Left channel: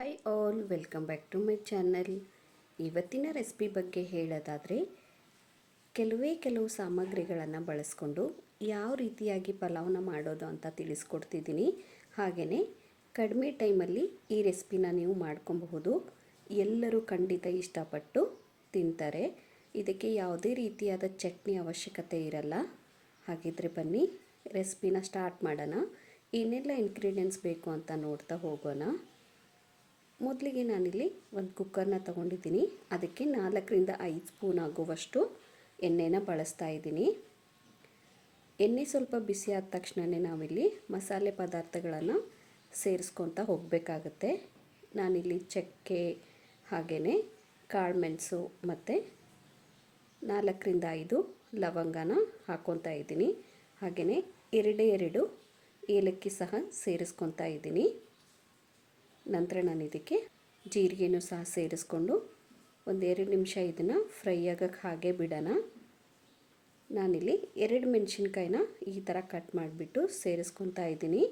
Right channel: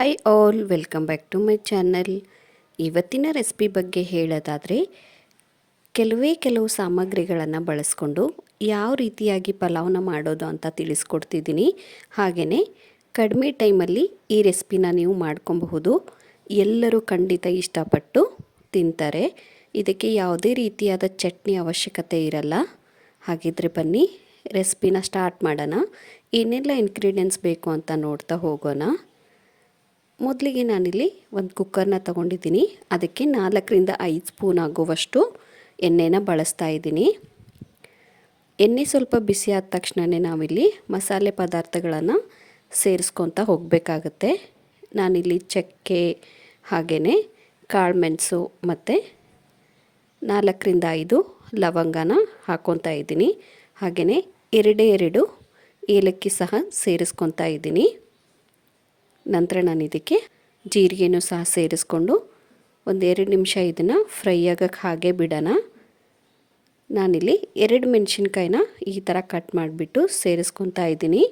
Hi all, welcome back to my channel. ಇವತ್ತಿನ recipe ಬಗ್ಗೆ ಹೇಳೋದಾದರೆ ಕೆಲವು ಸಾಮಗ್ರಿಗಳನ್ನು ಬಳಸ್ಕೊಂಡು ಯಾವ ರೀತಿಯಾಗಿ ಪಲಾವ್ನ ಮಾಡೋದು ಅಂತ ತಿಳಿಸ್ಕೊಡ್ತಿದ್ದೀನಿ. ಹಾಗೆಯೇ ಕಡಿಮೆ ಟೈಮಲ್ಲಿ ಈ ರೆಸಿಪಿನ ನೀವು ಮಾಡ್ಕೊಬಹುದು. ಎಲ್ಲರೂ ಖಂಡಿತ ಇಷ್ಟಪಟ್ಟು ತಿಂತಾರೆ. ಇದಕ್ಕೆ ಯಾವುದೇ ರೀತಿಯಾದ ಚಟ್ನಿ ಅವಶ್ಯಕತೆ ಇರಲ್ಲ. ಹಾಗಿದ್ರೆ ಬನ್ನಿ ರೆಸಿಪಿನ ಸ್ಟಾರ್ಟ್ ಮಾಡೋಣ. ಏನೆಲ್ಲ ಇಂಗ್ರೀಡಿಯೆಂಟ್ಸ್ ಬೇಕು ಅಂತ ನೋಡ್ತಾ ಹೋಗೋಣ. ಮೊದಲಿಗೆ ನಾನಿಲ್ಲಿ ಒಂದು ಕುಕ್ಕರ್ನ ತೊಗೊಂಡಿದ್ದೀನಿ. ಅದಕ್ಕೆ 4ರಿಂದ 5 ಸ್ಪೂನ್ ಆಗುವಷ್ಟು ಎಣ್ಣೆನ ಬಳಸ್ತಾ ಇದ್ದೀನಿ. ಎಣ್ಣೆ ಸ್ವಲ್ಪ ಬಿಸಿ ಆದ ತಕ್ಷಣವೇ ನಾವಿಲ್ಲಿ ಮಸಾಲೆ ಪದಾರ್ಥಗಳನ್ನು ಸೇರಿಸ್ಕೊತಾ ಹೋಗಬೇಕಾಗತ್ತೆ. ನಾನಿಲ್ಲಿ ಚಕ್ಕೆ ಹಾಗೆಯೇ ಕಾಳುಮೆಣಸು ಮತ್ತು 4ರಿಂದ 5 ಲವಂಗನ ಹಾಕ್ಕೊತಾ ಇದ್ದೀನಿ. ಹಾಗೆಯೇ ಎರಡು ಏಲಕ್ಕಿ ಸಹ ಸೇರಿಸ್ಕೊತಾ ಇದ್ದೀನಿ. ನಂತರ ನಾನು ಇದಕ್ಕೆ ಜೀರಿಗೆನೂ ಸಹ ಸೇರಿಸ್ಕೊಂಡು 1-2 ನಿಮಿಷ ಇದನ್ನು ಫ್ರೈ ಆಗೋಕ್ಕೆ ಹಾಗೆ ಬಿಡೋಣ. ನಾನಿಲ್ಲಿ 2 ಮೆಣಸಿನ್ಕಾಯಿನ ಈ ಥರ ಕಟ್ ಮಾಡಿಬಿಟ್ಟು ಸೇರಿಸ್ಕೊತಾ ಇದ್ದೀನಿ.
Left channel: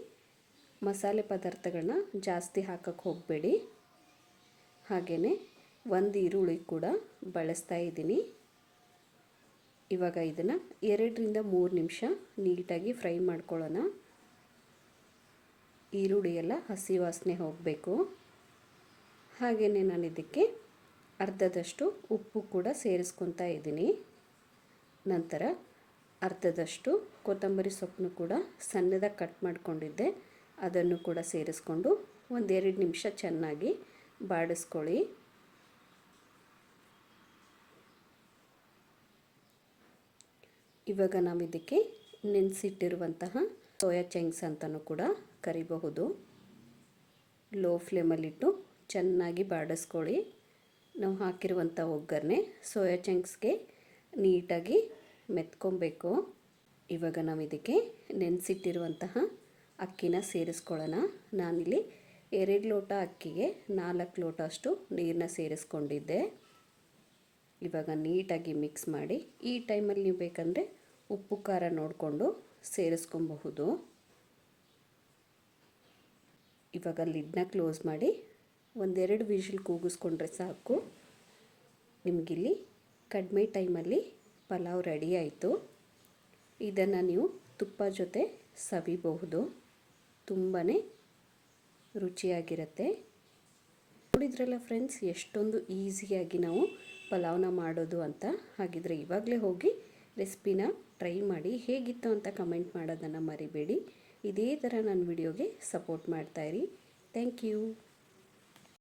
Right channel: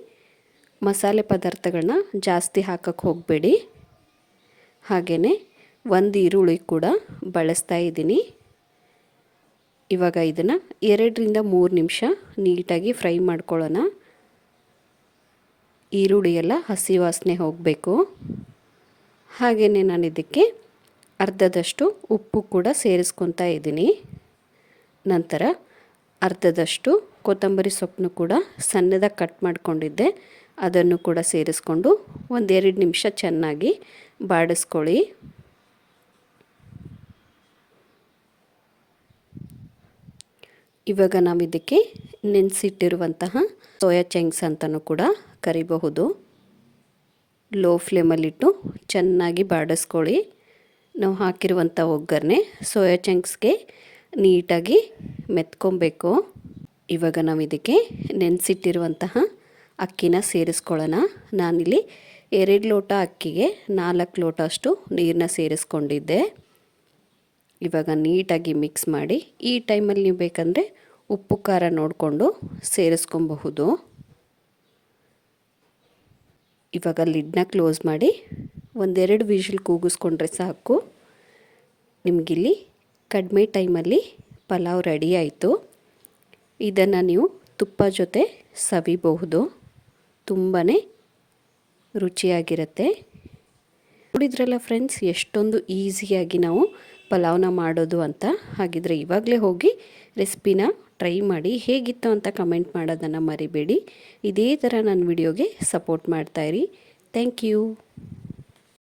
ಮಸಾಲೆ ಪದಾರ್ಥಗಳನ್ನ ಜಾಸ್ತಿ ಹಾಕೋಕ್ಕೆ ಹೋಗಬೇಡಿ. ಹಾಗೆಯೇ 1 ಈರುಳ್ಳಿ ಕೂಡ ಬಳಸ್ತಾ ಇದ್ದೀನಿ. ಇವಾಗ ಇದನ್ನು 2ರಿಂದ 3 ನಿಮಿಷ ನೀಟಾಗಿ ಫ್ರೈ ಮಾಡ್ಕೊಳ್ಳೋಣ. ಈರುಳ್ಳಿ ಎಲ್ಲ ಹಸಿ ವಾಸನೆ ಹೋಗಬೇಕು. ಹಾಗೆಯೇ ನಾನು ಇದಕ್ಕೆ ಅರ್ಧದಷ್ಟು ಉಪ್ಪು ಕೂಡ ಸೇರಿಸ್ಕೊತಾ ಇದ್ದೀನಿ. ನಂತರ ಅರ್ಧದಷ್ಟು ಕೊತ್ತಂಬರಿ ಸೊಪ್ಪನ್ನು ಕೂಡ ಸಣ್ಣದಾಗಿ ಕಟ್ ಮಾಡಿಕೊಂಡಿದ್ದೆ, ಅದನ್ನು ಕೂಡ ಸೇರಿಸ್ಕೊಂಡು 1-2 ನಿಮಿಷ ಚೆನ್ನಾಗಿ ಬಾಡಿಸ್ಕೊಳ್ಳಿ. ಇವಾಗ ನಾವು ಇದಕ್ಕೆ ನೆನೆಸಿಟ್ಟಿರುವಂತಹ ಸೋಯಾ ಚಂಕ್ಸ್ ಅಂತಲೂ ಕೂಡ ಕರಿಬಹುದು. ಲೋ ಫ್ಲೇಮಲ್ಲಿಟ್ಟು ಚೆನ್ನಾಗಿ ಬಾಡಿಸ್ಕೊಳ್ಳಿ. ನಾವು ಹಾಕಿರುವಂಥ ಒಗ್ಗರಣೆ ಸೋಯಾ ಚಂಕ್ಸ್ಗೆ ನೀಟಾಗಿ ಮೆತ್ಕೊಬೇಕು. ಇವಾಗ ನಾವು ಇದಕ್ಕೆ ನೆನೆಸಿಟ್ಟಿರುವಂತಹ ಅಕ್ಕಿನ ಸೇರಿಸ್ಕೊಳ್ಳೋಣ. ನಾನಿಲ್ಲಿ 2 ಲೋಟ ಅಕ್ಕಿಗೆ 4 ಲೋಟ ಅಷ್ಟು ನೀರನ್ನ ಸೇರಿಸ್ಕೊಂಡಿದ್ದೆ. ಇವಾಗ ನೀಟಾಗಿ ಮಿಕ್ಸ್ ಮಾಡಿ, ಈ ಟೈಮಲ್ಲಿ ನೀವು ಬೇಕಂದರೆ ಉಪ್ಪು ಖಾರ ನೋಡಿಕೊಂಡು ಸೇರಿಸ್ಕೊಬಹುದು. ಇವಾಗ ಲಿಡ್ನ ಕ್ಲೋಸ್ ಮಾಡಿ 1-2 ವಿಷಲ್ ಕೂಗಿಸ್ಕೊಂಡ್ರೆ ಸಾಕು. ನಿಮಗಿಲ್ಲಿ ಕಡಿಮೆ ಟೈಮಲ್ಲಿ ಪಲಾವ್ ರೆಡಿ ಆಯಿತು. ಇದನ್ನು ನೀವು ತುಪ್ಪ ಜೊತೆ ಸವಿಬಹುದು. ತುಂಬಾ ರುಚಿಯಾಗಿರುತ್ತೆ. ನೋಡಿದ್ರಲ್ಲ ಫ್ರೆಂಡ್ಸ್, ಎಷ್ಟೊಂದು ಈಸಿಯಾಗಿ ನಾವು ಪಲಾವ್ನ ಮಾಡೋದು ಅಂತ. ಹಾಗಿದ್ರೆ ಇವಾಗಲೇ ಹೋಗಿ ರೆಸಿಪಿನ ಟ್ರೈ ಮಾಡಿ, ಹೇಗಿತ್ತು ಅಂತ ಕಮೆಂಟ್ ಮಾಡೋದನ್ನು ಮರಿಬೇಡಿ. ಇದೇ ಥರ ನನ್ನ ವಿಡಿಯೋಗೆ ಸಪೋರ್ಟ್ ಮಾಡ್ತಾಯಿರಿ. Thank you.